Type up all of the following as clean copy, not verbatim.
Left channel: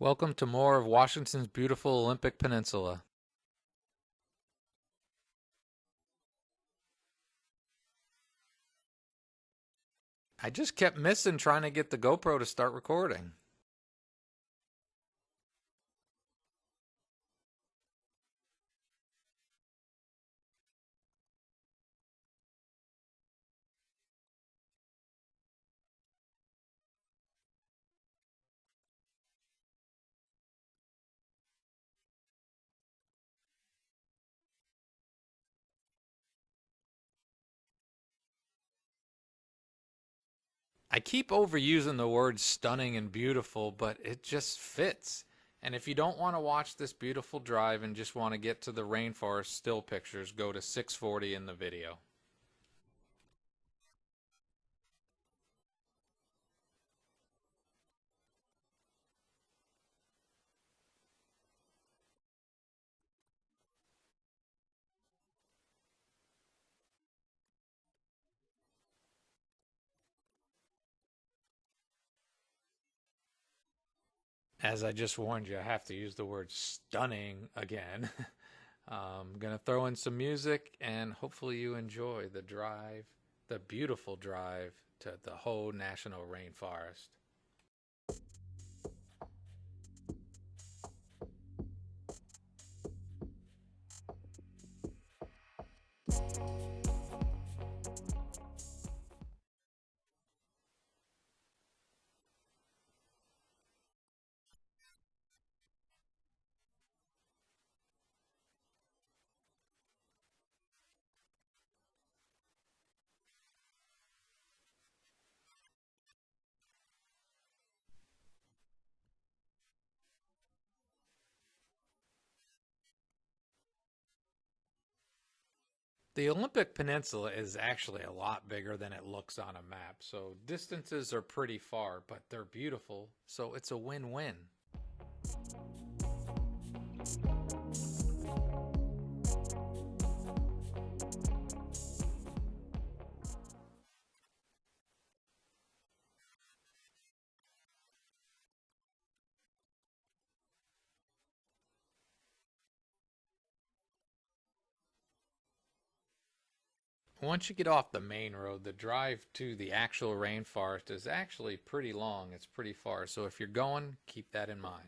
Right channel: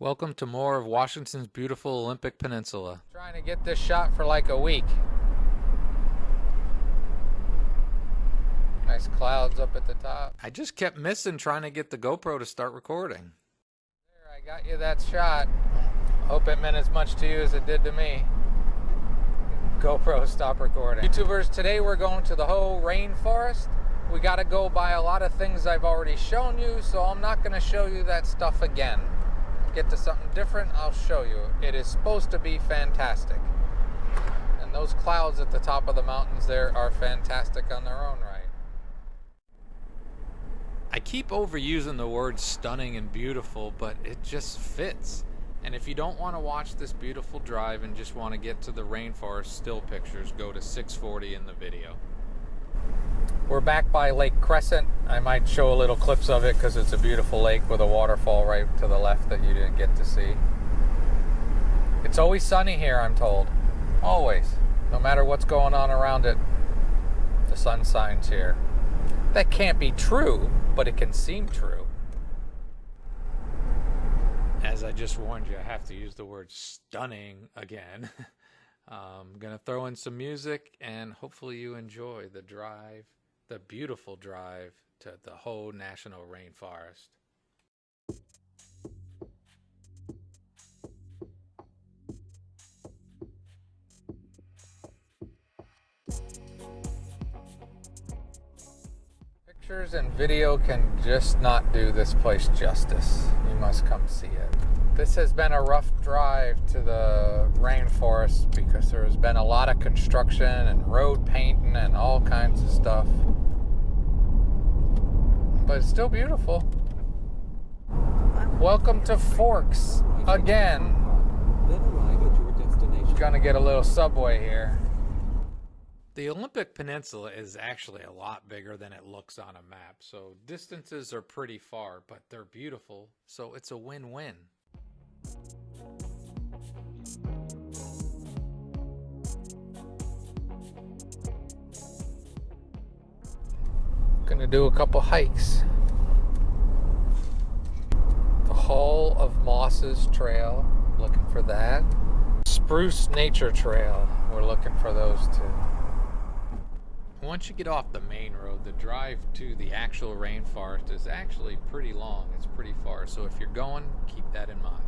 Welcome to more of Washington's beautiful Olympic Peninsula. Trying to get this shot for like a week. Nice clouds up at the top. I just kept missing trying to get the GoPro to start recording. There, I got you that shot. Hope it meant as much to you as it did to me. GoPro, stop recording. YouTubers, today we're going to the Hoh Rainforest. We got to go by a lot of things I've already shown you, so I'm not going to show you that stuff again. Get to something different, I'll show you. It is supposed to be fantastic. And those clouds at the top of the mountains there are fantastic on their own right. I keep overusing the word stunning and beautiful, but it just fits. And if you don't want to watch this beautiful drive and just want to get to the rainforest still pictures, go to 640 in the video. We're back by Lake Crescent. I might show a little clips of it because it's a beautiful lake with a waterfall right to the left that you didn't get to see. It's always sunny here, I'm told. Always. No matter what's going on around it, the sun shines here. That can't be true, but it can seem true. As I just warned you, I have to use the word stunning again. I'm going to throw in some music and hopefully you enjoy the drive, the beautiful drive to the Hoh National Rainforest. Pictures and video can just not do this place justice. You must come see it. This has been a rough drive to the rainforest because there has been a lot of construction and road painting and all kinds of stuff. But it's still beautiful. Welcome to Forks again. Then arrive at your destination. Gonna get a little subway here. The Olympic Peninsula is actually a lot bigger than it looks on a map, so distances are pretty far, but they're beautiful, so it's a win-win. Gonna do a couple hikes. The Hall of Mosses Trail, looking for that. Spruce Nature Trail, we're looking for those two. Once you get off the main road, the drive to the actual rainforest is actually pretty long. It's pretty far, so if you're going, keep that in mind.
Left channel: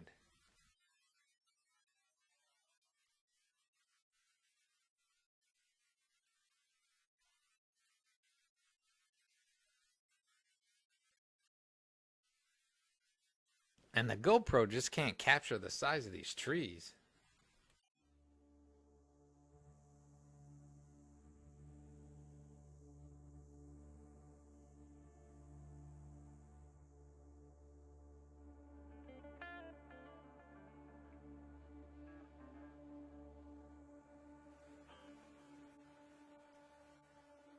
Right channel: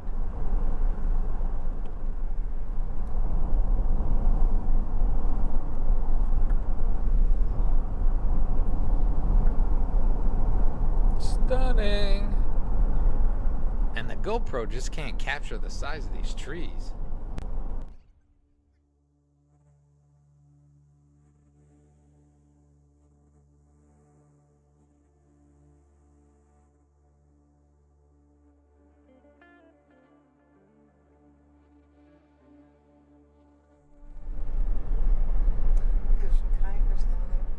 Stunning. And the GoPro just can't capture the size of these trees. There's some kayakers down there.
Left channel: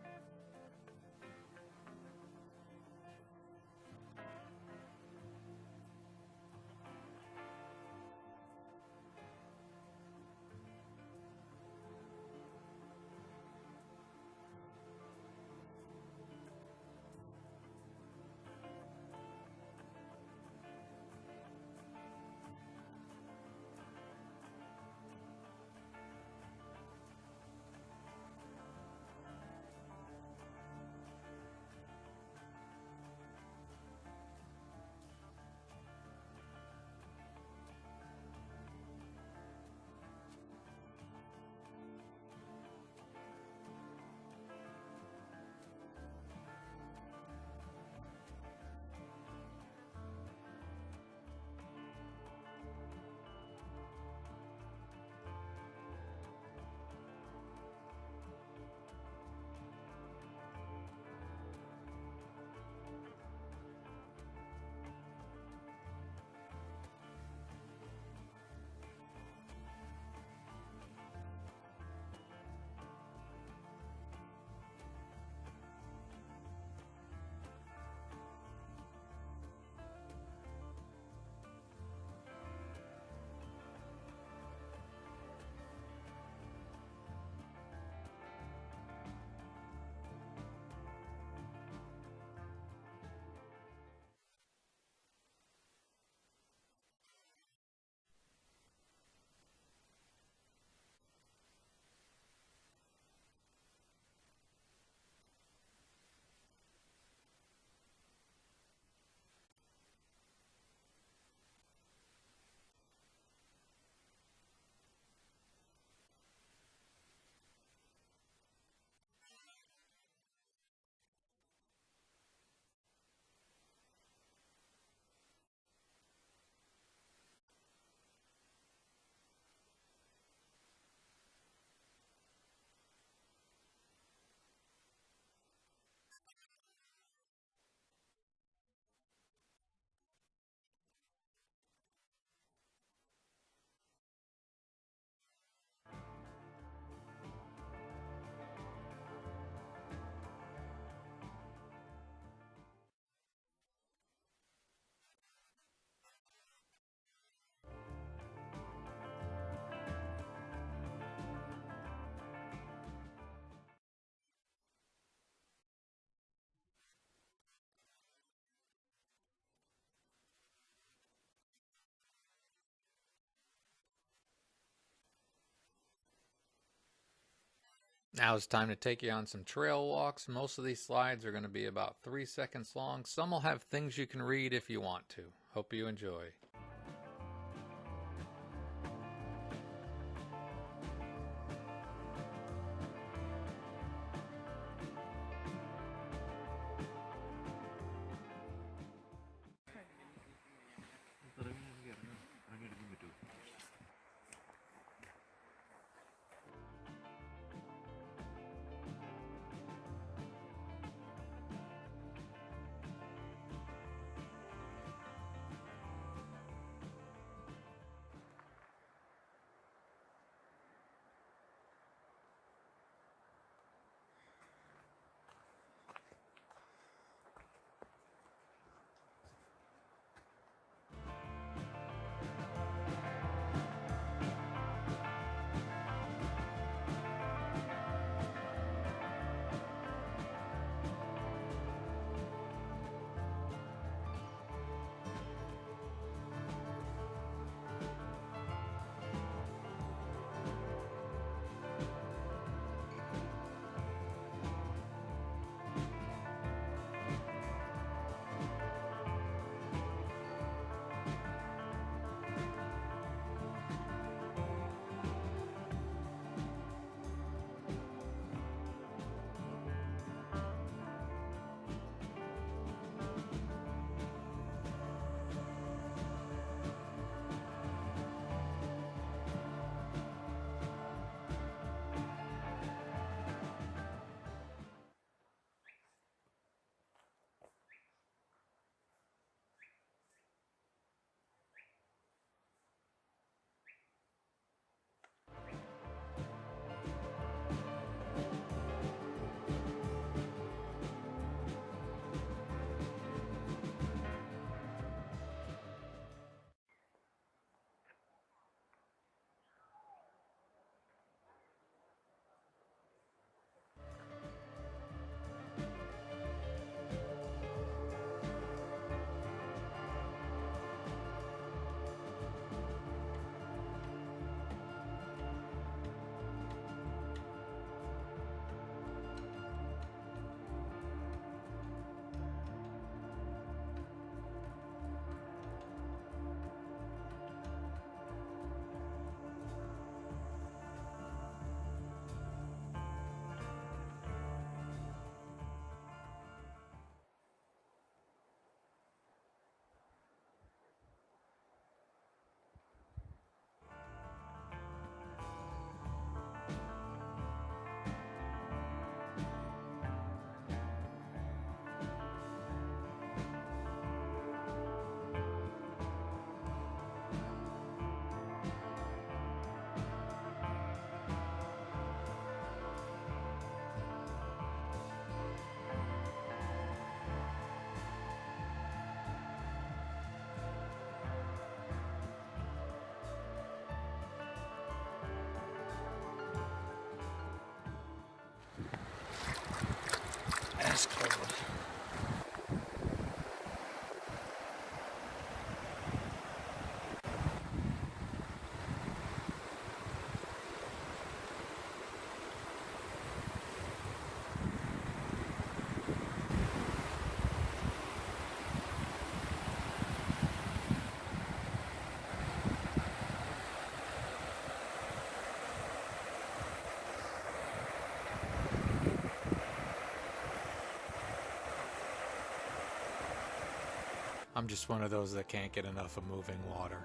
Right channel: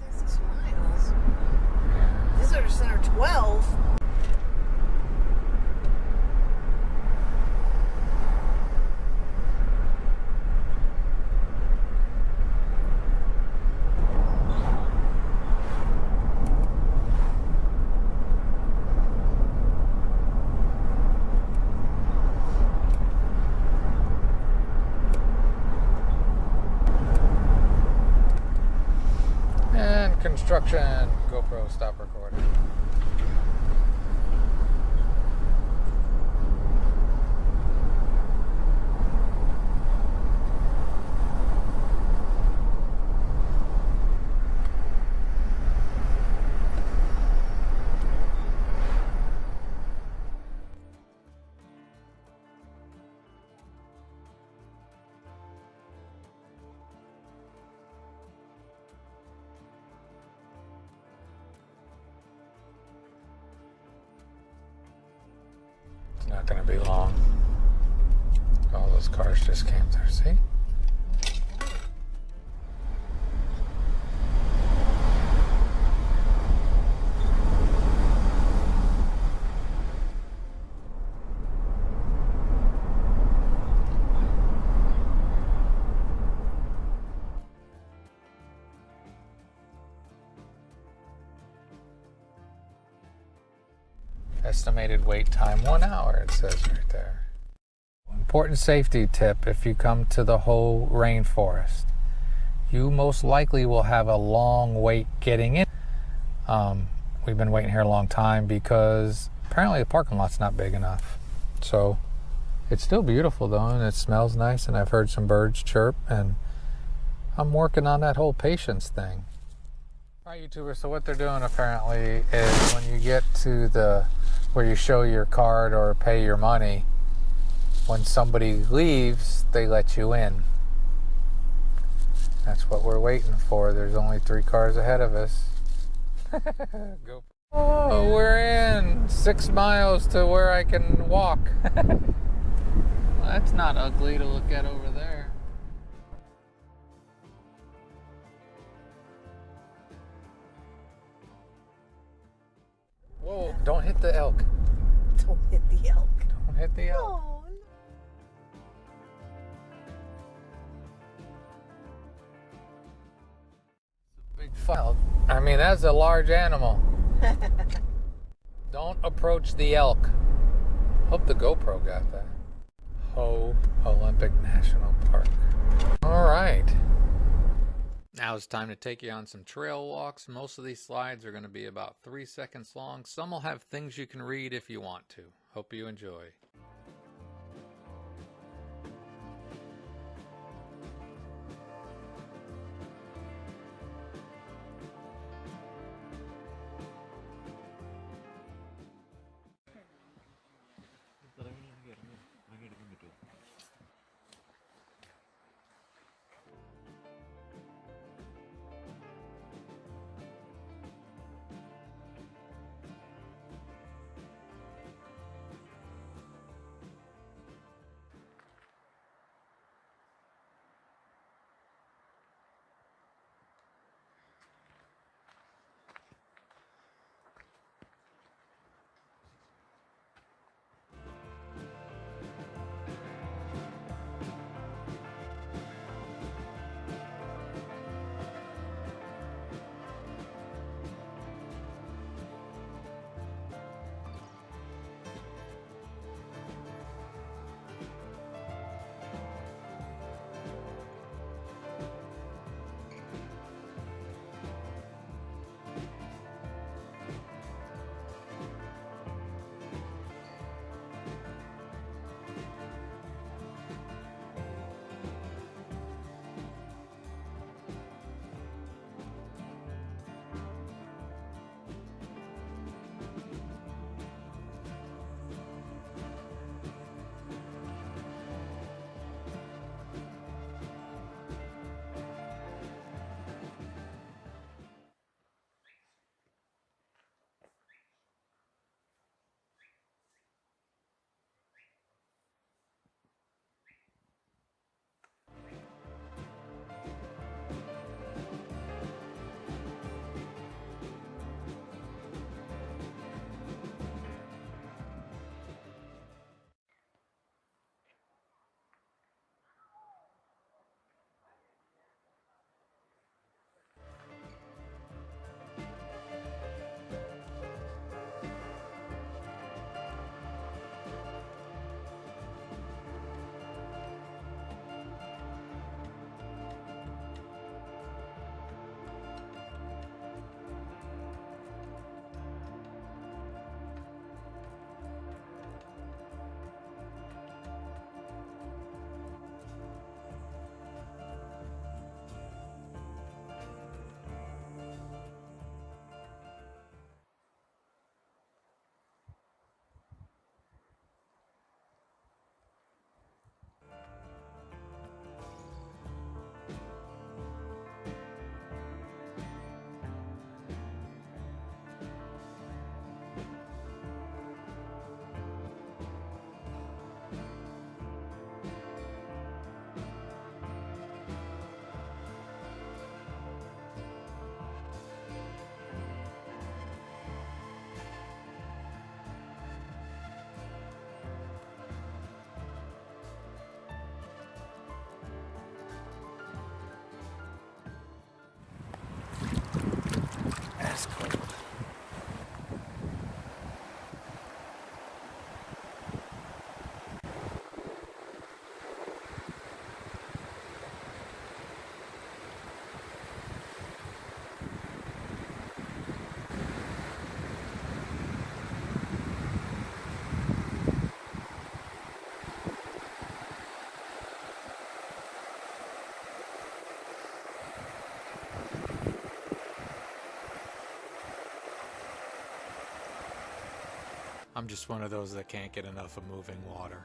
That's 6 miles. Visitor Center 12. And construction. GoPro, stop recording. It's not going to be long. All those cars just came through, see? Estimated wait time 1 hour, it says right there. Important safety tip if you come to the Hoh Rainforest. You most likely will have a long wait getting in. We've been waiting here a long time because apparently the parking lot's not big enough. So it's still beautiful though, and it smells nice, and I've heard some birds chirp, and I'm working on that whole patience thing. All right, YouTubers, so what they're doing apparently is when you get to the where you show your card or pay your money, when somebody leaves, they let you in. That's what we're waiting for. There's only 3 cars ahead of us. Go. Oh, we're in 6 miles to where I can walk. Well, that's not ugly to look at over there. Whoa, don't hit the elk. Don't hit the elk. Don't hit the elk. Oh, Big fuck. I mean, that's a large animal. Don't approach the elk. Hope the GoPro got that. Hoh Olympic National Park. All right. Now it's time to take you on some trail walks. Most of these slides are going to be about 3 seconds long. Some will have things you can read if you want to. Hope you enjoy. I'm just one of those that can't get enough of moving water.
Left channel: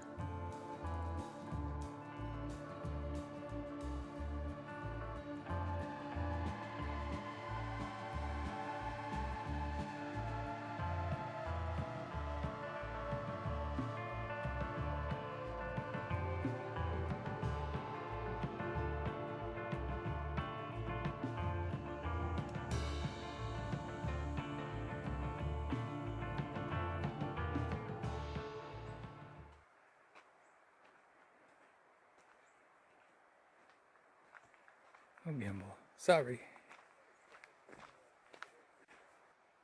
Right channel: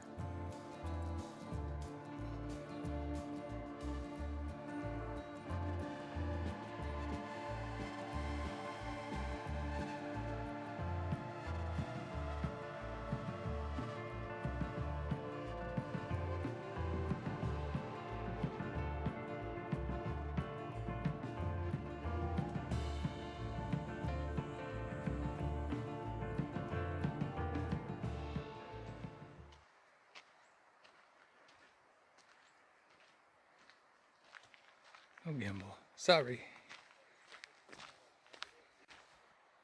Oh, gimbal. Sorry.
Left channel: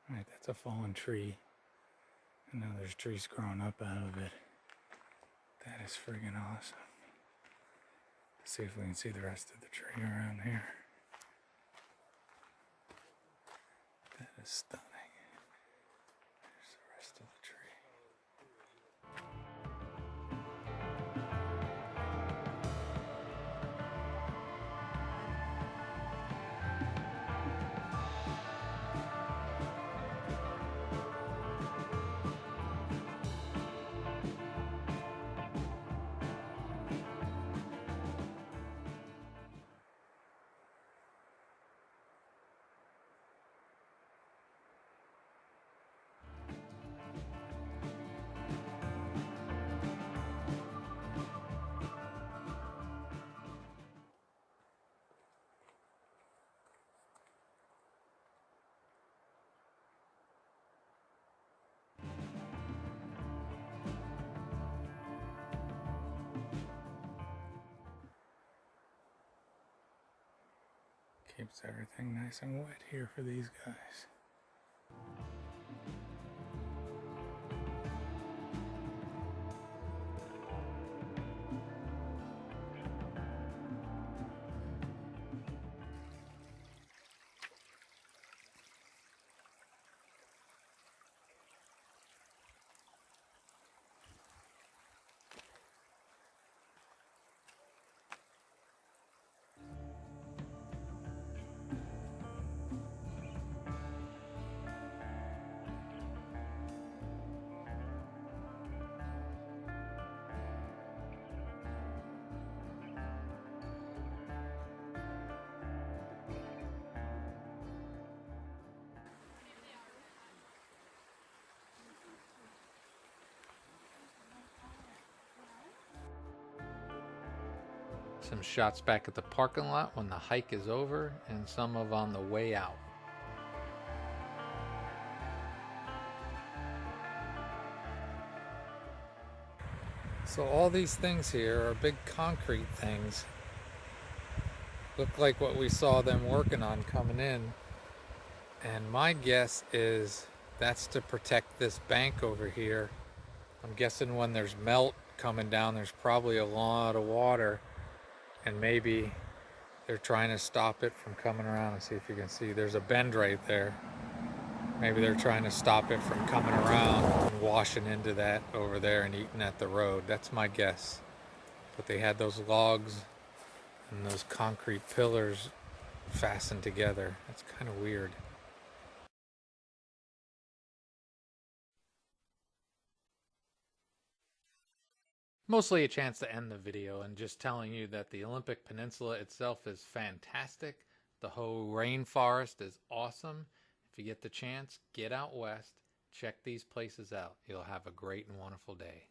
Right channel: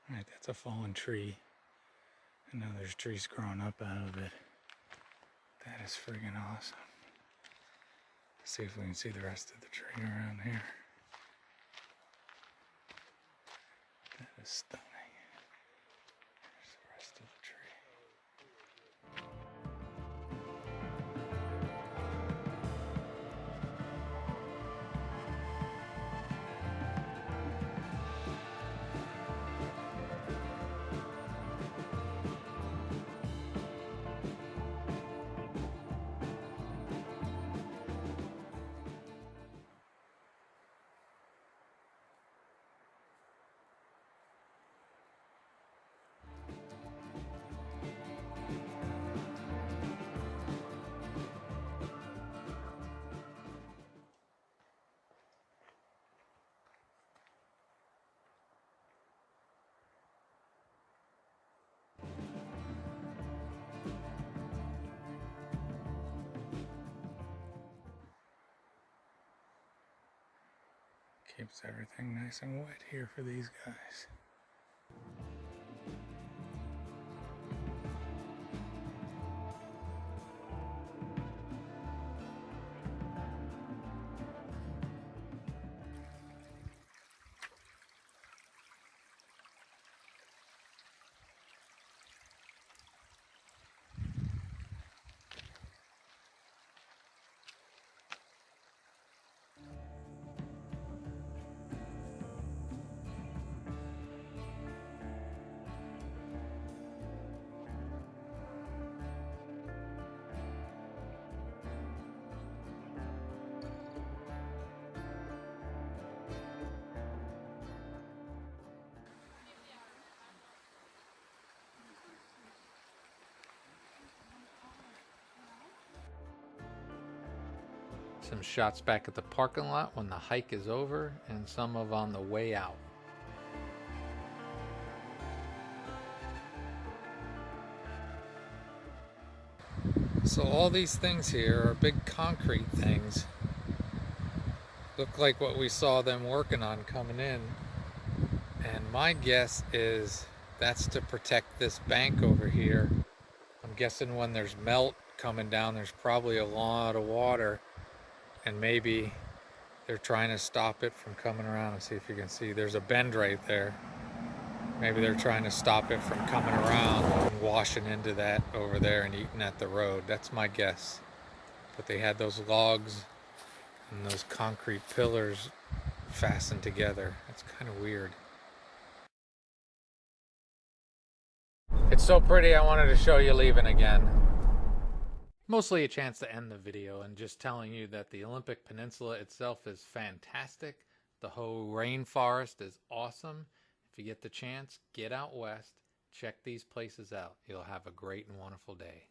Alright, that's a fallen tree. And now there's trees growing up out of it. That is friggin' awesome. Let's see if we can see the rest of the tree around here. That is stunning. There's the rest of the tree. Keeps everything nice and wet here for these guys. Some shots back at the parking lot when the hike is over, and some of on the way out. So all these things here are big concrete things. Look like what we saw them working on coming in. And my guess is that's to protect this bank over here. I'm guessing when there's melt coming down, there's probably a lot of water. And maybe they're trying to stop it from coming around. And see if you can see, there's a bend right there. Maybe they're trying to stop it from coming around and washing into that over there and eating at the road. That's my guess. But they had those logs and those concrete pillars fastened together. That's kind of weird. It's so pretty, I wanted to show you leaving again. Mostly a chance to end the video and just telling you that the Olympic Peninsula itself is fantastic. The Hoh Rainforest is awesome. If you get the chance, get out west, check these places out. You'll have a great and wonderful day.